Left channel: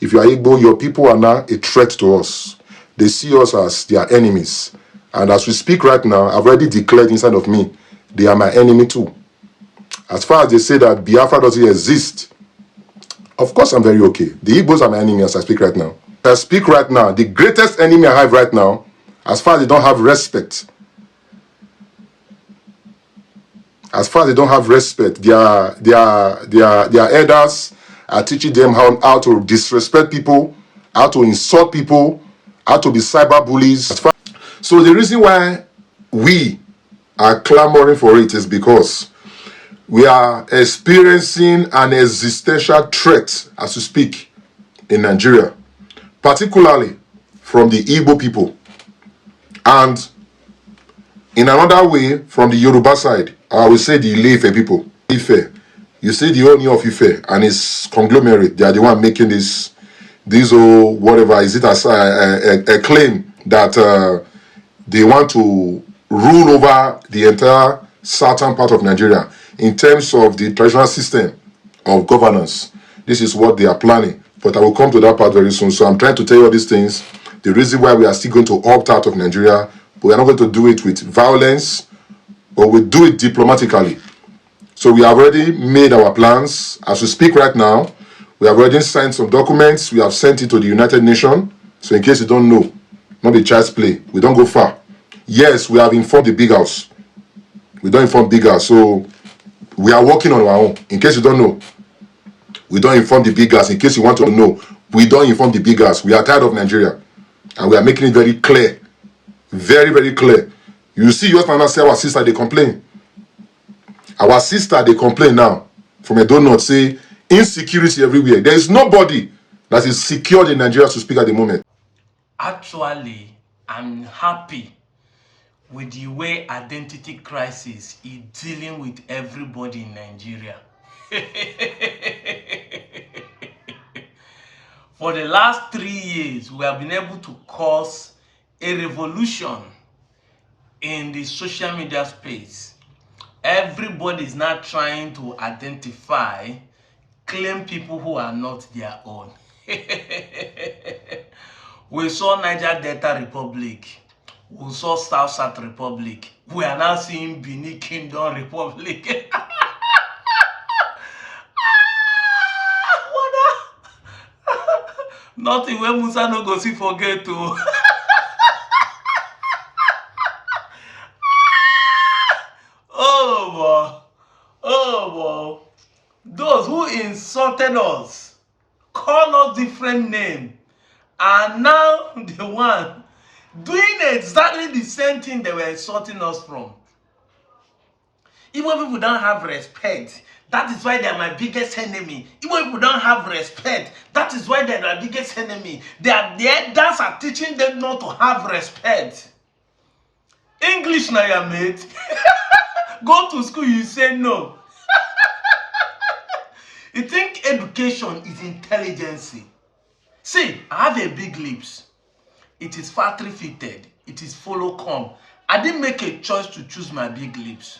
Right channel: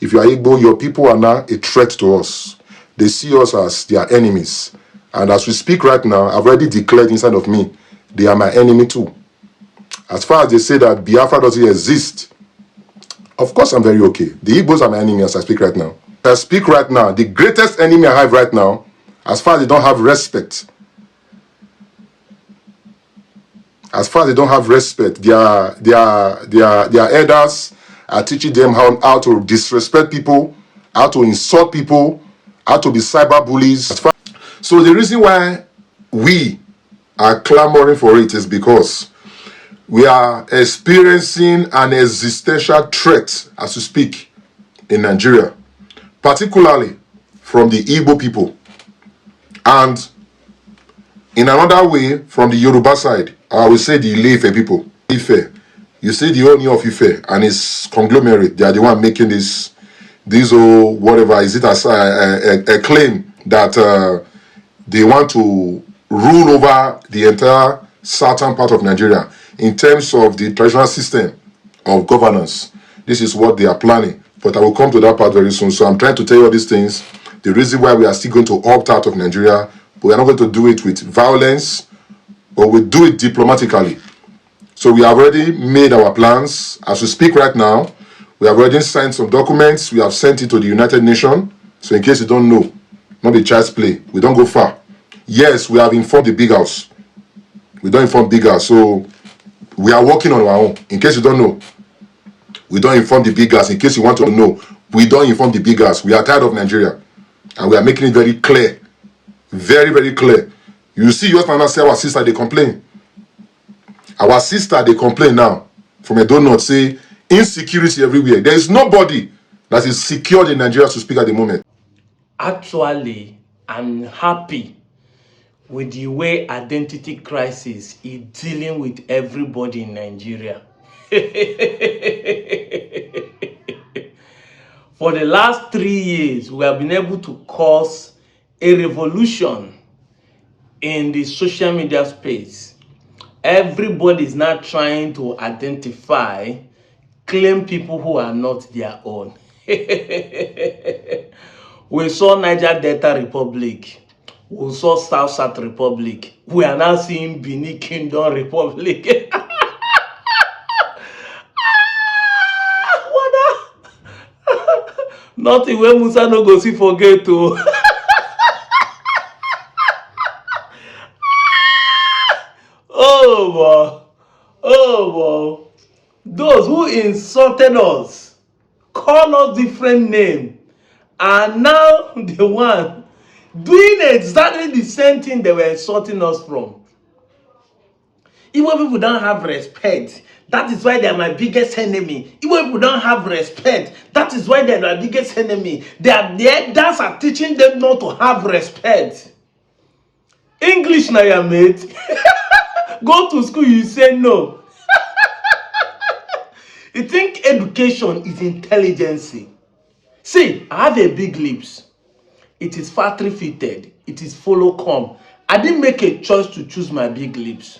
If you are Igbo, your people are now a threat to us. They see us as their enemies. And as we speak right now, I've already declared inside of me, they are my enemy too. As far as they say that Biafra doesn't exist, of course I'm very okay. The Igbos are my enemy as I speak right now. As I speak right now, the greatest enemy I have right now, as far as they don't have respect, their elders are teaching them how to disrespect people, how to insult people, how to be cyber bullies. So the reason why we are clamoring for it is because we are experiencing an existential threat as we speak in Nigeria, particularly from the Igbo people, and in another way from the Yoruba side. I will say the Ile-Ife people. Ife, you see the owner of Ife and his conglomerate, they are the one making this whatever, is it as a claim that they want to rule over the entire southern part of Nigeria in terms of the traditional system of governance. This is what they are planning, but I will come to that part very soon. So I'm trying to tell you all these things. The reason why we are still going to opt out of Nigeria, but we are not going to do it with violence, but we do it diplomatically. So we have already made our plans. As we speak right now, we have already signed some documents. We have sent it to the United Nations. So in case you don't know, not the child's play, we don't go far. Yes, we have informed the big house. We don't inform big house. So we are working on our own. In case you don't know, we don't inform the big house. In case you want to know, we don't inform the big house. We are tired of Nigeria. And we are making it very clear. Very, very clear. You see, yours and say our sister, they complain. Our sister, they complain now from a donut, say insecurity everywhere. There is nobody that is secured in Nigeria to speak at the moment. Actually, I'm happy with the way identity crisis is dealing with everybody in Nigeria. For the last 3 years, we have been able to cause a revolution in the social media space. Everybody is now trying to identify, claim people who are not their own. We saw Niger Delta Republic. We saw South Republic. We are now seeing Benin Kingdom Republic. Nothing where Musa no go see forget to. Oh boy. Oh boy. Those who insulted us, call us different name, are now the one doing exactly the same thing they were insulting us from. Even people don't have respect. That is why they are my biggest enemy. Even people don't have respect. That is why they are my biggest enemy. They are there. That's are teaching them not to have respect. English now, your mate. Go to school, you say no. You think education is intelligence? See, I have a big lips. It is factory fitted. It is follow come. I didn't make a choice to choose my big lips.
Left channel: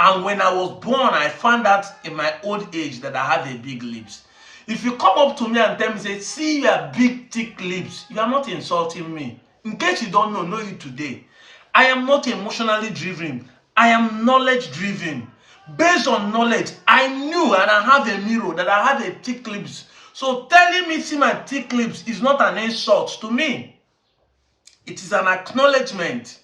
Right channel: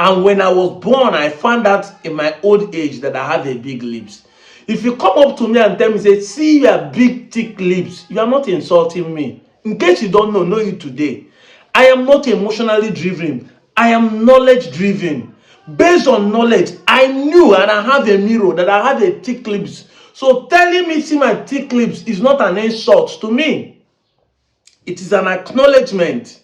And when I was born, I found out in my old age that I have a big lips. If you come up to me and tell me, say, see your big thick lips, you are not insulting me. In case you don't know it today. I am not emotionally driven. I am knowledge driven. Based on knowledge, I knew and I have a mirror that I have a thick lips. So telling me see my thick lips is not an insult to me. It is an acknowledgement.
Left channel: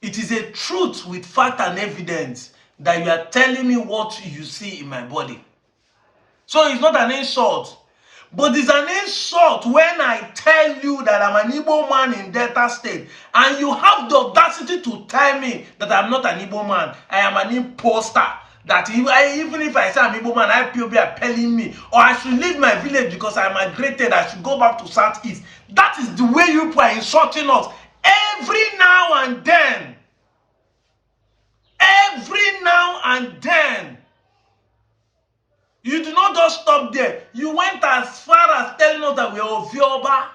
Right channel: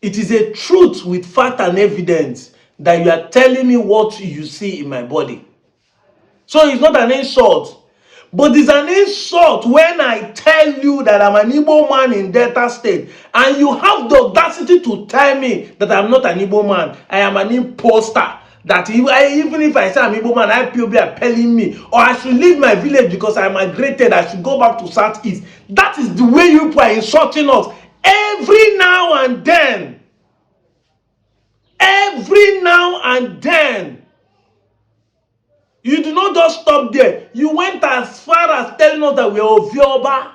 It is a truth with fact and evidence that you are telling me what you see in my body. So it's not an insult. But it's an insult when I tell you that I'm an Igbo man in Delta State and you have the audacity to tell me that I'm not an Igbo man. I am an imposter. That even if I say I'm Igbo man, IPOB are telling me, or I should leave my village because I migrated, I should go back to Southeast. That is the way you are insulting us every now and then. Every now and then. You do not just stop there. You went as far as telling us that we are Ovioba.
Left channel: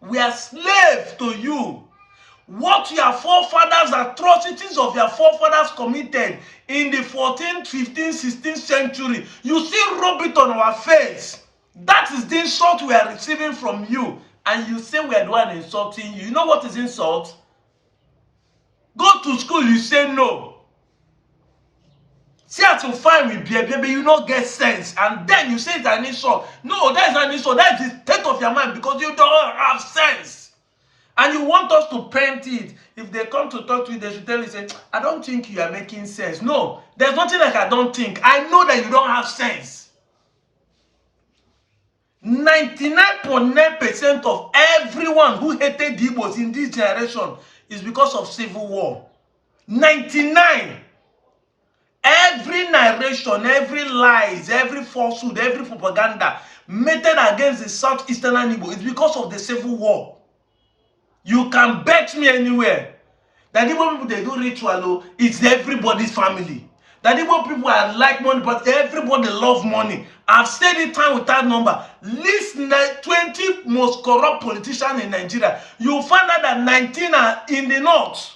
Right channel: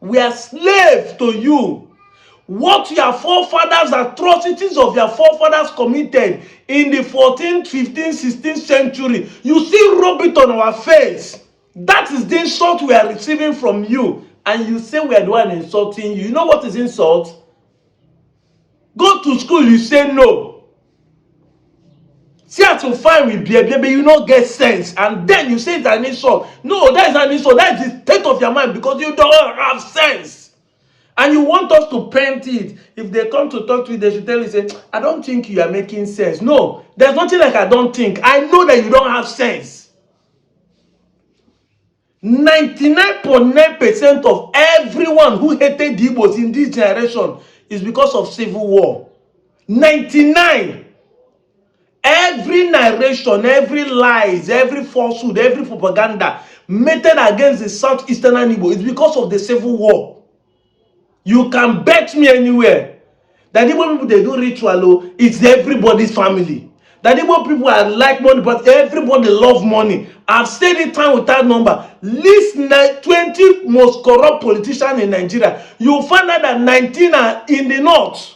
We are slaves to you. What your forefathers, atrocities of your forefathers committed in the 14th, 15th, 16th century, you still rub it on our face. That is the insult we are receiving from you. And you say we are the one insulting you. You know what is insult? Go to school, you say no. See how to find with baby, you not get sense. And then you say it's an insult. No, that is an insult. That is the state of your mind because you don't have sense. And you want us to paint it. If they come to talk to you, they should tell you, say, I don't think you are making sense. No, there's nothing like I don't think. I know that you don't have sense. 99.9% of everyone who hated the Igbos in this generation is because of civil war. 99. Every narration, every lies, every falsehood, every propaganda meted against the southeastern Igbo is because of the civil war. You can bet me anywhere that Igbo people, they do ritual, it's everybody's family. That Igbo people are like money, but everybody love money. I've said it time without number. List 20 most corrupt politicians in Nigeria. You'll find out that 19 are in the north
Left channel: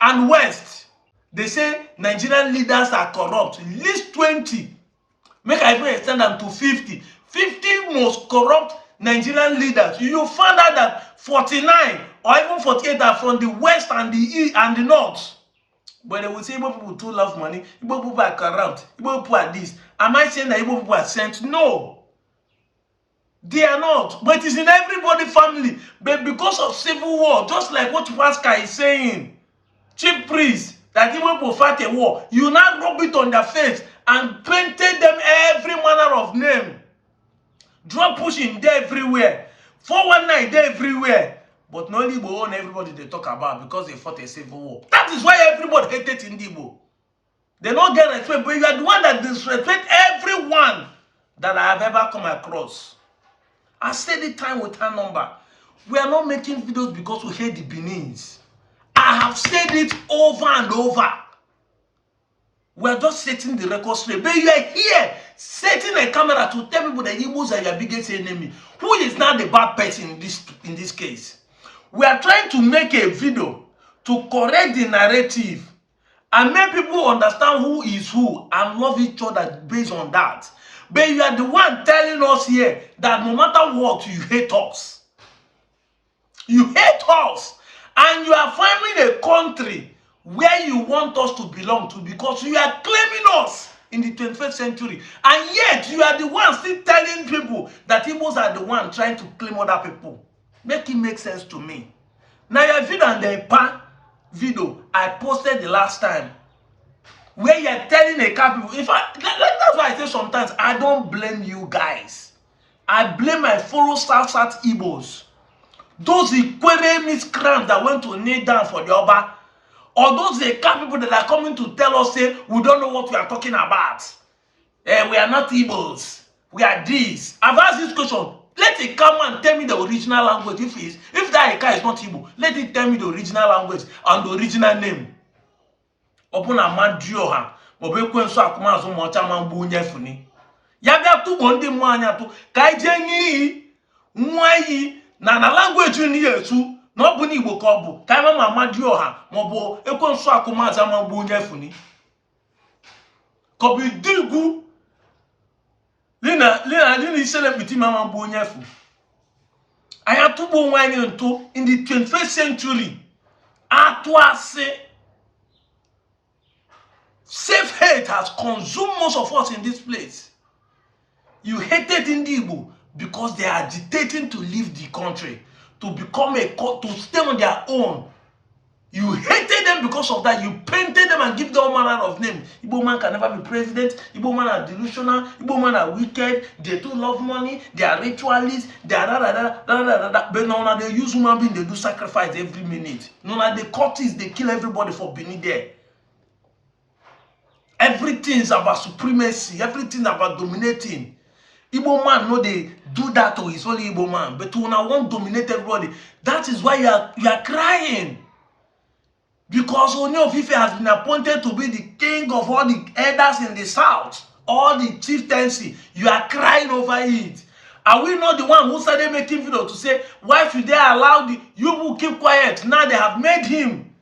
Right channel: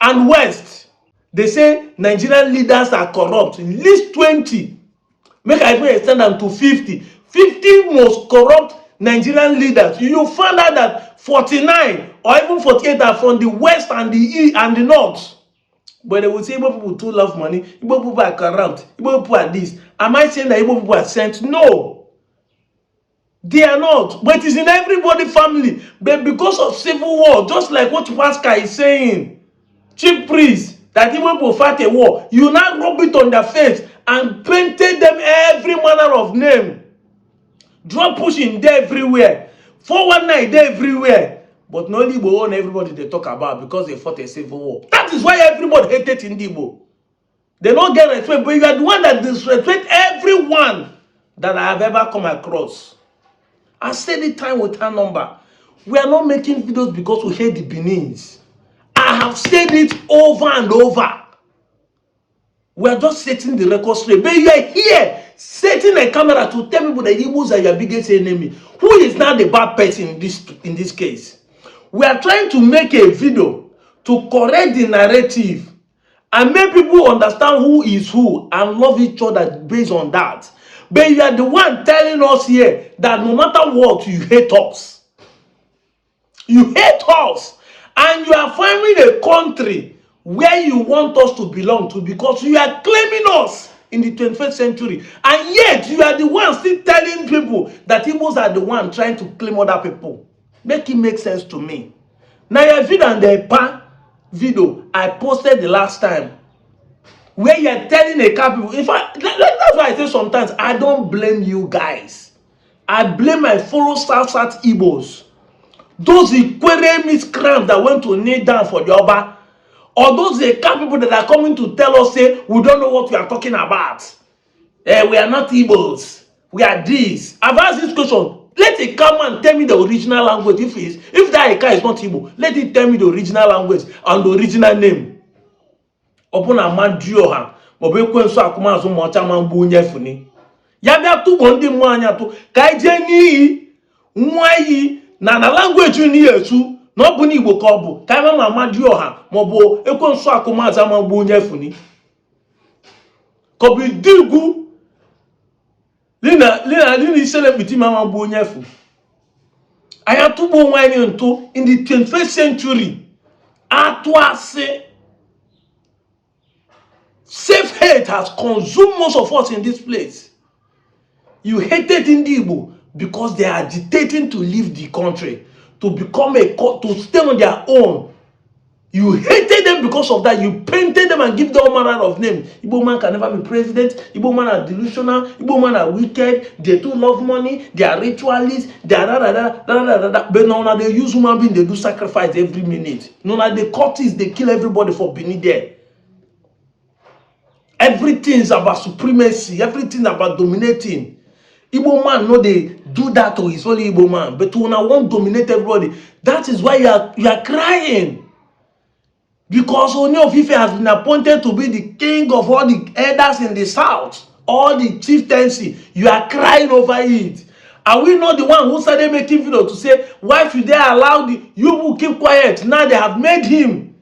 and west. They say Nigerian leaders are corrupt. List 20. Make I even extend them to 50. 50 most corrupt Nigerian leaders. You find out that 49 or even 48 are from the west and the east and the north. But they will say Igbo people too love money. Igbo people are corrupt. Igbo people are this. Am I saying that Igbo people are sent? No. They are not. But it is in everybody's family. But because of civil war, just like what Pascal is saying, chief priest, that Igbo people fight a war, you now rub it on their face and painted them every manner of name. Drug pushing there everywhere. 419 there everywhere. But no Igbo own everybody they talk about because they fought a civil war. That is why everybody hated Igbo. They don't get respect, but you are the one that disrespect everyone that I have ever come across. I said it time with her number. We are not making videos because we hate the Benin's. I have said it over and over. We are just setting the record straight. But you are here setting a camera to tell people that Igbos are your biggest enemy. Who is now the bad person in this case? We are trying to make a video to correct the narrative and make people understand who is who and love each other based on that. But you are the one telling us here that no matter what, you hate us. You hate us. And you are finding a country where you want us to belong to because you are claiming us in the 21st century. And yet, you are the one still telling people that Igbos are the one trying to claim other people. Make it make sense to me. Now, your video and the EPA video I posted the last time, where you are telling a couple people, in fact, that's why I say sometimes I don't blame you guys. I blame my fellow South Igbos. Those Ikwere miscreants that went to kneel down for the Oba, or those Eka people that are coming to tell us, say, we don't know what we are talking about. We are not Igbos. We are this. I've asked this question. Let it come and tell me the original language. If that Eka is not Igbo, let it tell me the original language and the original name. Upon a man Dioha, Bobekwen so Akumazo Mochaman Bunyefuni. Yabia tu bondi mwanya tu, Kaijeni, Mwayi, na language ni Yesu, no buni Igbo kobu, Kaima Mama Dioha, Mobo, Ekwen so Akumazo Bunyefuni. Kobi Digu, Lina isele biti Mama Bunyefu. I have to go into in the 21st century. Atwase. Self-hate has consumed most of us in this place. You hated Igbo because they are agitating to leave the country, to become to stay on their own. You hated them because of that. You painted them and give them all manner of names. Igbo man can never be president. Igbo man are delusional. Igbo man are wicked. They too love money. They are ritualists. They are da. But now they use human being. They do sacrifice every minute. Now they cultists. They kill everybody for being there. Everything is about supremacy. Everything is about dominating. Igbo man, no, they do that to his only Igbo man. But when I want to dominate everybody, that is why you are crying. Because Ooni of Ife has been appointed to be the king of all the elders in the south, all the chieftaincy. You are crying over it. Are we not the one who started making videos to say, why should they allow you who keep quiet? Now they have made him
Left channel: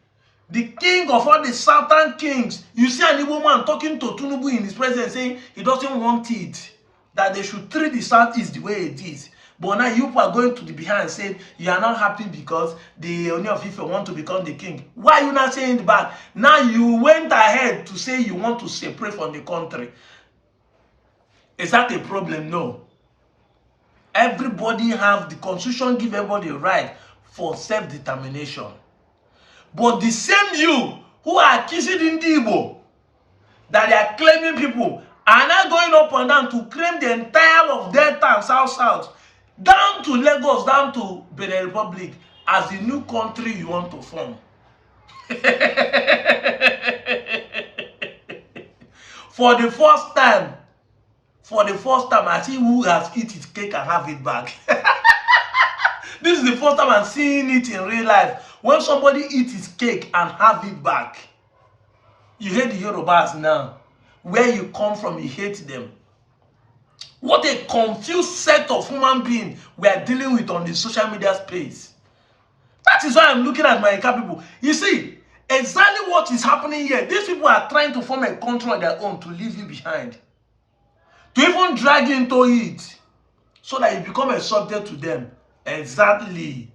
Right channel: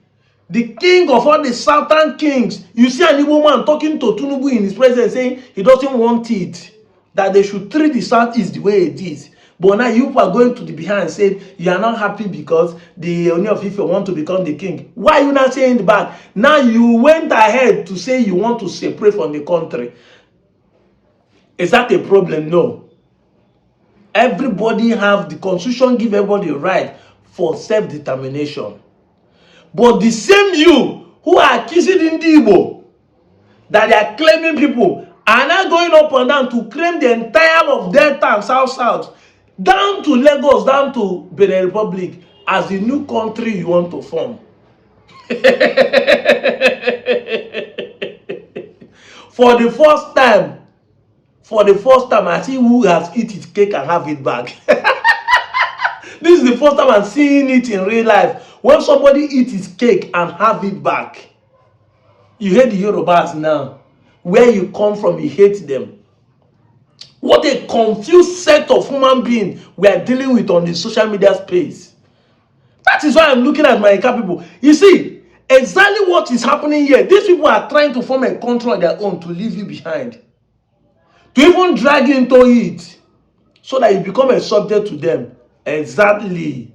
the king of all the southern kings. You see an Igbo man talking to Tinubu in his presence saying he doesn't want it. that they should treat the Southeast the way it is. But now you are going to the behind saying you are not happy because the Oni of Ife want to become the king. Why are you not saying the back? Now you went ahead to say you want to separate from the country. Is that a problem? No. Everybody have the constitution give everybody a right for self-determination. But the same you who are accusing Igbo that they are claiming people are now going up and down to claim the entire of Delta and South, down to Lagos, down to Benin Republic as the new country you want to form. For the first time, I see who has eaten his cake and have it back. This is the first time I'm seeing it in real life. When somebody eats his cake and have it back. You hate the Yorubas now. Where you come from, you hate them. What a confused set of human beings we are dealing with on the social media space. That is why I'm looking at my people. You see, exactly what is happening here. These people are trying to form a country on their own to leave you behind. To even drag you into it. So that you become a subject to them. Exactly.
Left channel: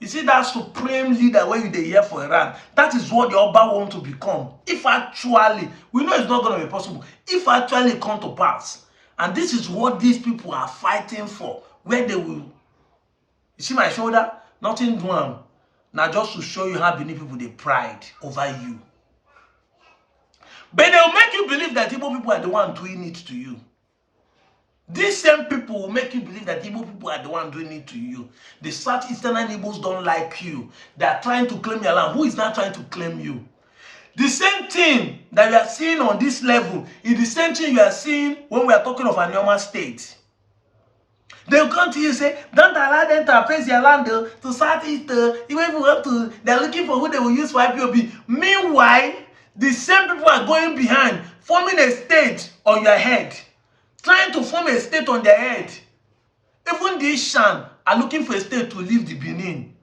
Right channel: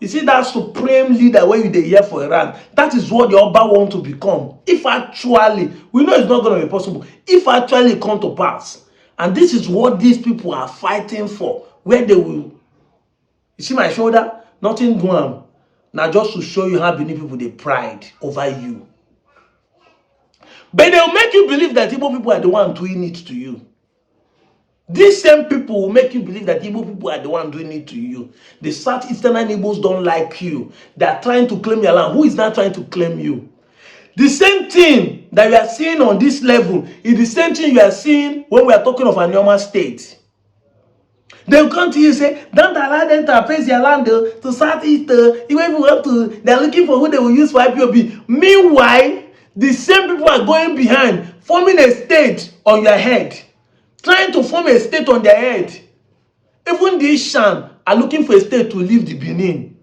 You see that supreme leader where you hear for Iran, that is what the Oba want to become. If actually, we know it's not going to be possible, if actually it come to pass. And this is what these people are fighting for, where they will, you see my shoulder? Nothing doing. Now just to show you how many people they pride over you. But they'll make you believe that Igbo people are the one doing it to you. These same people will make you believe that Igbo people are the one doing it to you. The Southeastern Igbos don't like you. They are trying to claim your land. Who is not trying to claim you? The same thing that we are seeing on this level is the same thing you are seeing when we are talking of a normal state. They will come to you and say, don't allow them to appraise your land to Southeast. Even if we have to, they are looking for who they will use for IPOB. Meanwhile, the same people are going behind, forming a state on your head. Trying to form a state on their head. Even these Shan are looking for a state to leave the Benin.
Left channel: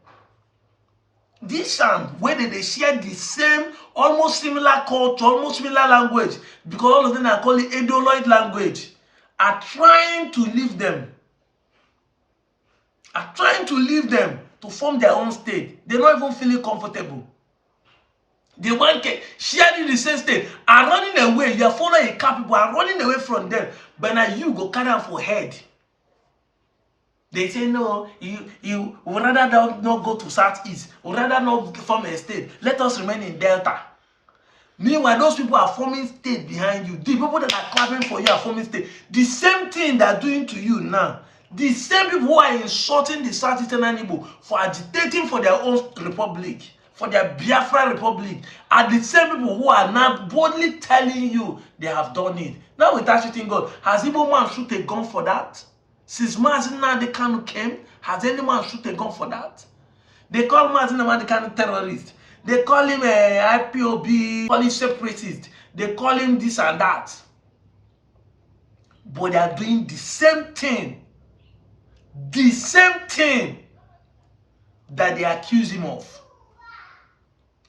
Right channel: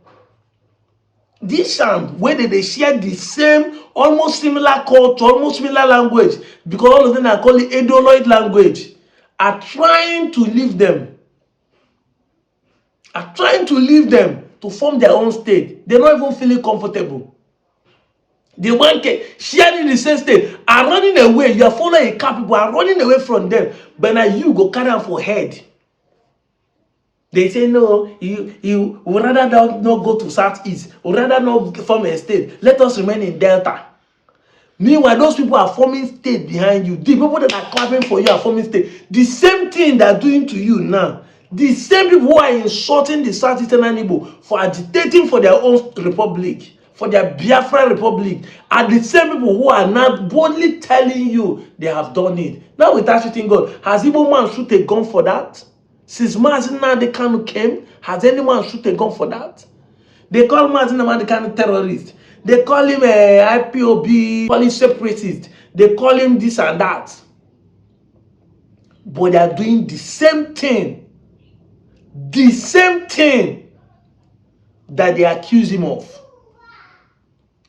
These Shan, where they share the same, almost similar culture, almost similar language, because all of them are calling Edoloid language, are trying to leave them. Are trying to leave them to form their own state. They're not even feeling comfortable. They want sharing the same state, are running away. You are following a car, people are running away from them. But now you go carry them for head. They say, no, you would rather not go to Southeast, would rather not form a state. Let us remain in Delta. Meanwhile, those people are forming state behind you. The people that are clapping for you are forming state. The same thing they are doing to you now. The same people who are insulting the Southeastern Igbo for agitating for their own republic, for their Biafra Republic, are the same people who are now boldly telling you they have done it. Now without shooting God, has Igbo man shoot a gun for that? Since Mazin Kanu came, has anyone shoot a gun for that? They call Mazin Kanu terrorist. They call him a IPOB, call him separatist. They call him this and that. But they are doing the same thing. The same thing that they accuse him of.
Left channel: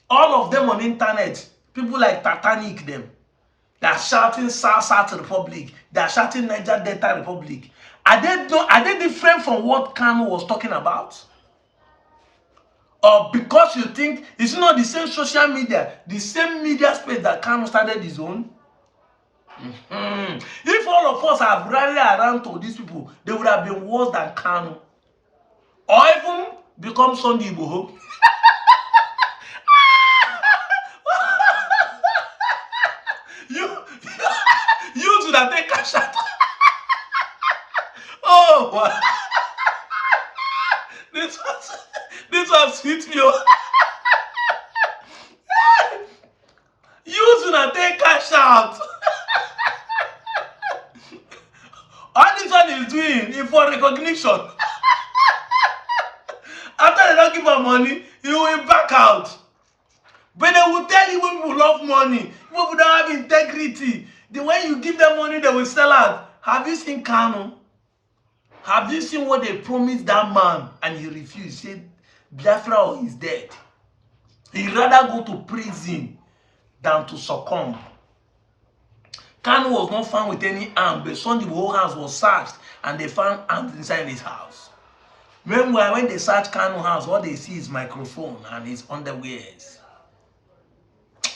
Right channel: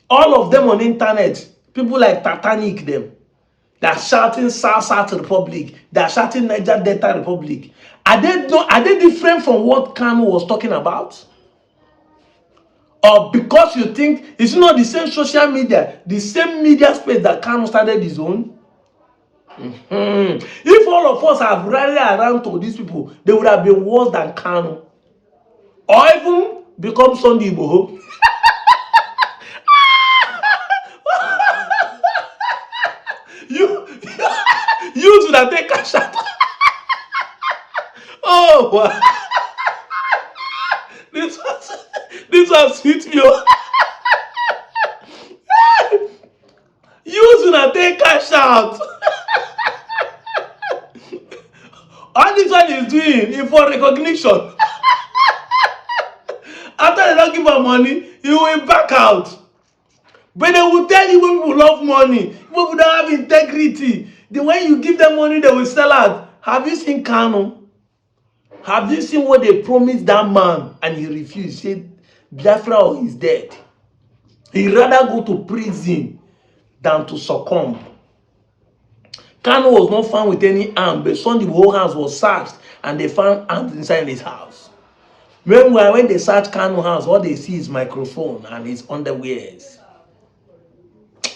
All of them on the internet, people like Titanic them. They are shouting South Republic. They are shouting Niger Delta Republic. Are they different from what Kanu was talking about? Or because you think it's not the same social media, the same media space that Kanu started his own? If all of us have rallied around to these people, they would have been worse than Kanu. Or even become Sunday Igboho. You should have taken a shot. Oh, wow. This was hit me. You should have taken a shot. All this one is doing is for recognition. After they don't give her money, you will back out. But they will tell you when people love money, people don't have integrity. The way you give them money, they will sell out. Have you seen Kanu? Have you seen what they promised that man and he refused? He said, Biafra is dead. He'd rather go to prison than to succumb. Kanu was not found with any arm, but Sunday whole house was searched and they found arms inside his house. Meanwhile, when they search Kanu house, all they see is microphone and his underwears.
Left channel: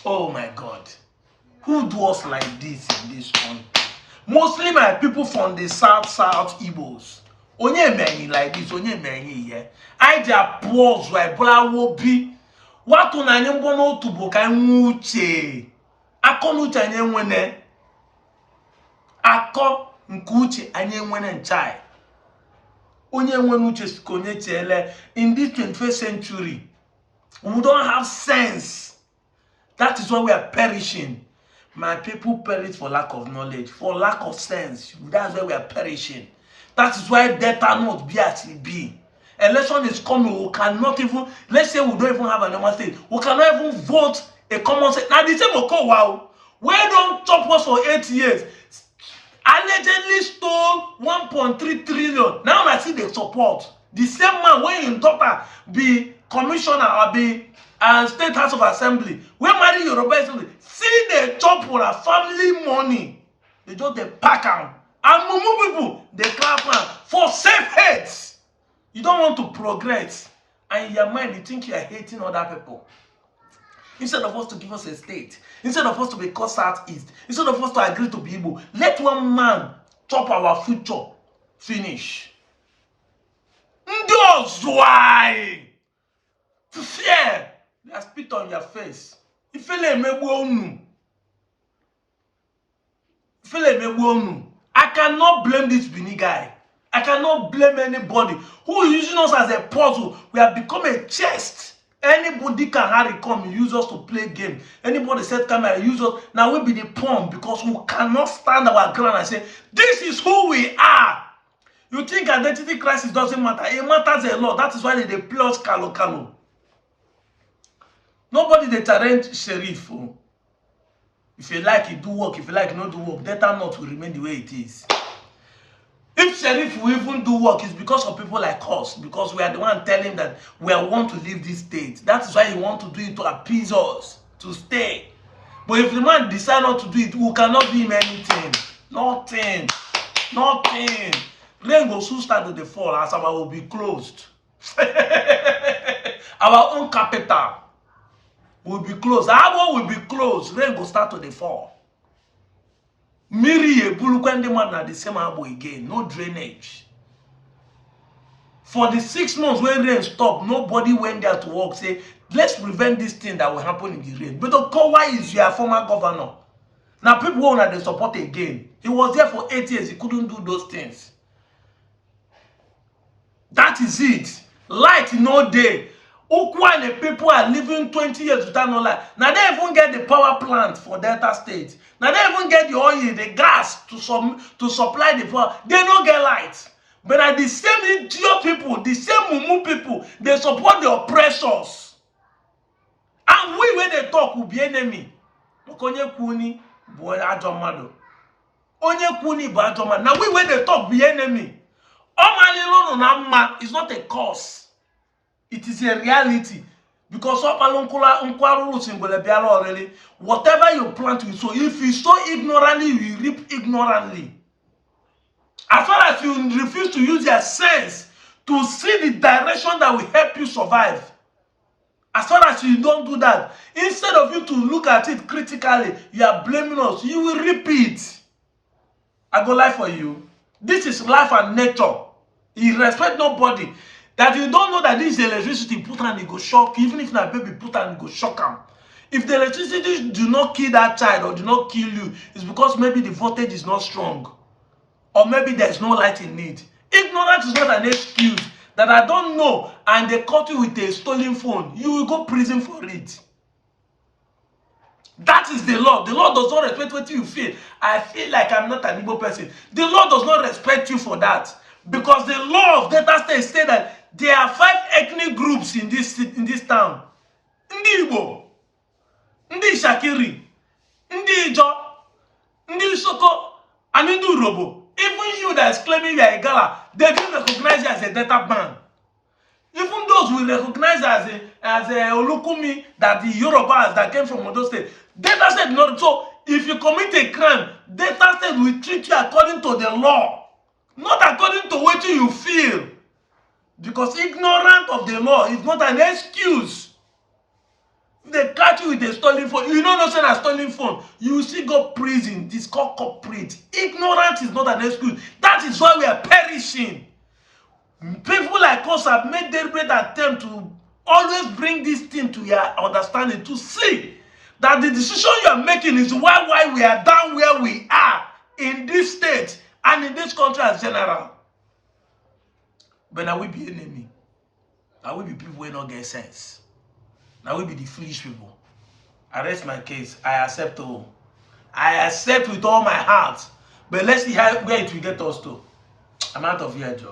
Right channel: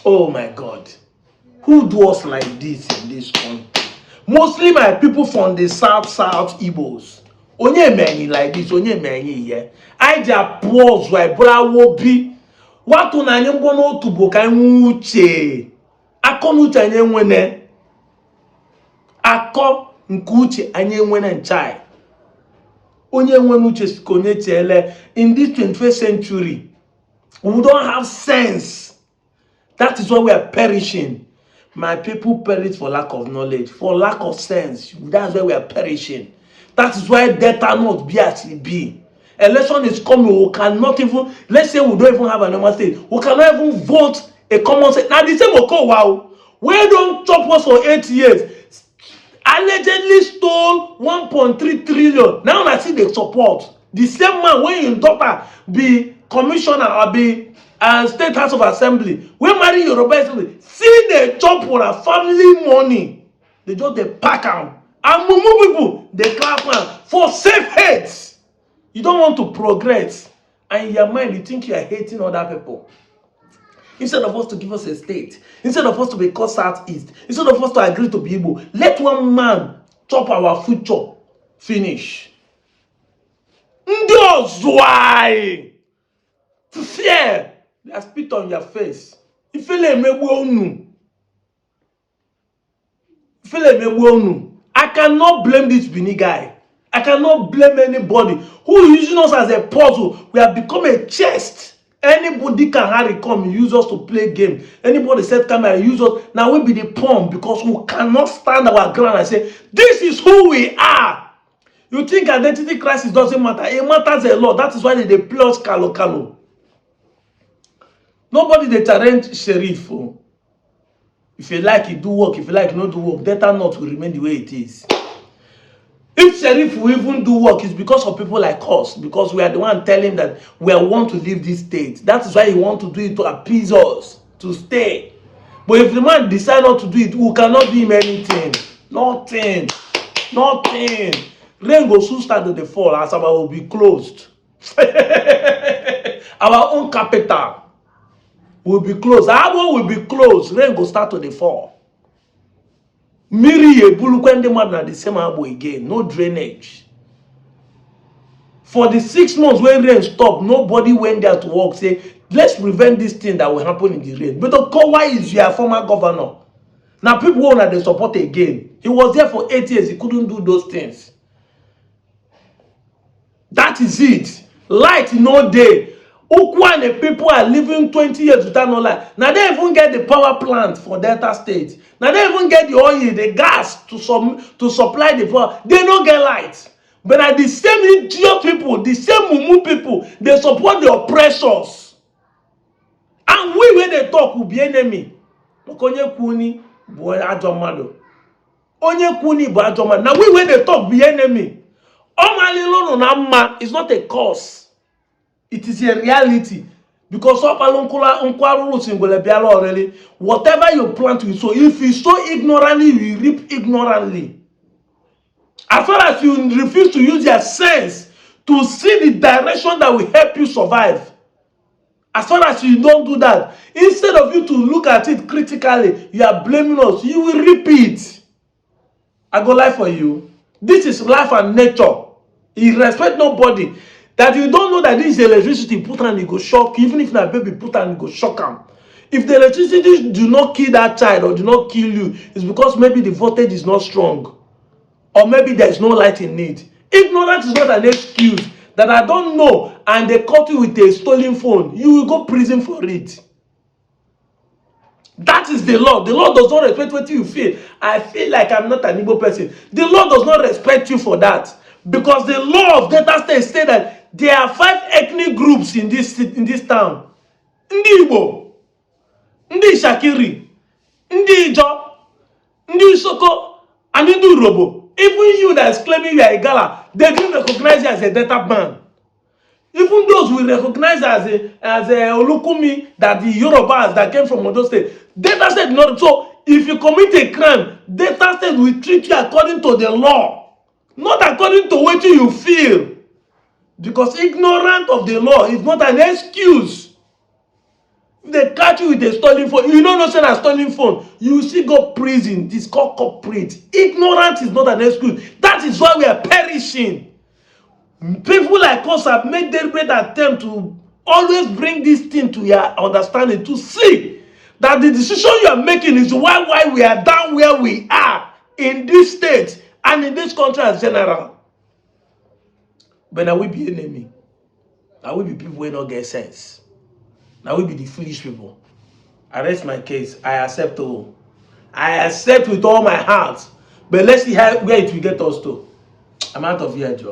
Oh my God. Who do us like this in this country? Mostly my people from the south Igbos. Onye many like this, onye many here. I just pause right, but I will be. What on any bono to book and uche. I come with any wene. I come nkuche any wene chai. Onye wene uche konye chele. In this 21st century, we don't have sense. That is why we are perishing. My people perish for lack of knowledge, for lack of sense. That's why we are perishing. That is why death cannot be as it be. Election is coming. We cannot even, let's say we don't even have a normal state. We cannot even vote a common state. Now the same will come, wow. We don't chop us for 8 years. Allegedly stole 1.3 trillion. Now I see the support. The same man when your daughter be commissioner or be State House of Assembly, we marry Yoruba Assembly. See the chop for a family money. They just they pack them. And mumu people, they clap them for safe heads. You don't want to progress. And in your mind, you think you are hating other people. Instead of us to give us a state, instead of us to be called Southeast, instead of us to agree to be Igbo, let one man chop our future. Finish. Ndos why? Fear. They spit on your face. If you let me I cannot blame this Bini guy. I cannot blame anybody who is using us as a puzzle. We have become a chest. Anybody can hurry come and use us to play game. Anybody said come and use us. Now we be the pawn because we cannot stand our ground and say, this is who we are. You think identity crisis doesn't matter? It matters a lot. That is why they play us kalo. Nobody they challenge Sheriff. Oh. If you like it, do work. If you like not do work, data not will remain the way it is. If Sheriff will even do work, it's because of people like us. Because we are the one telling him that we want to leave this state. That is why he want to do it to appease us, to stay. But if the man decide not to do it, we cannot do him anything. Nothing. Rain will soon start to fall as our will be closed. Our own capital will be closed. Our will be closed. Rain will start to fall. Miri Ebulu man na the same abo again. No drainage. For the 6 months when rain stopped, nobody went there to work. Say, let's prevent this thing that will happen in the rain. But why is your former governor? Now people who they support again. He was there for 8 years. He couldn't do those things. That is it. Light no day. Ukwane people are living 20 years without no light. Now they even get the power plant for Delta State. Now they even get the oil, the gas to supply the power. They don't get light. But at the same idiot people, the same mumu people, they support the oppressors. And we when they talk will be enemy. Onye kuni bo ajomado. Onye kuni bo ajomado. Now we when they talk be enemy. It's not a cause. It is a reality. Because whatever you plant, you sow. If you sow ignorantly, you reap ignorantly. As far as you refuse to use your sense to see the direction that will help you survive, as far as you don't do that, instead of you to look at it critically, you are blaming us. You will reap it. I go lie for you. This is life and nature. You respect nobody. That you don't know that this is electricity put and it go shock. Even if na baby put and it go shock him. If the electricity do not kill that child or do not kill you, it's because maybe the voltage is not strong. Or maybe there is no light in it. Ignorance is not an excuse. That I don't know and they caught you with a stolen phone. You will go prison for it. That is the law. The law does not respect what you feel. I feel like I'm not an Igbo person. The law does not respect you for that. Because the law of Delta State says that there are 5 ethnic groups in this town. Ndi Igbo, Ndi Shakiri, Ndi Ijo, Ndi Soko, and Ndi Urobo. Even you that is claiming you are a Gala, they don't recognize you as a Delta man. Even those who recognize as a Olukumi, that the Yorubas that came from Ondo State, Delta State not. So if you commit a crime, Delta State will treat you according to the law, not according to what you feel. Because ignorance of the law is not an excuse. If they catch you with a stolen phone, you don't know say na stolen phone, you still go prison. This called corporate. Ignorance is not an excuse. That is why we are perishing. People like us have made deliberate attempt to always bring this thing to your understanding, to see that the decision you are making is why we are down where we are in this state and in this country as general. But now we be enemy. Now we be people who don't get sense. Now we be the foolish people. I rest my case. I accept all. I accept with all my heart. But let's see where it will get us to. I'm out of here, Joe.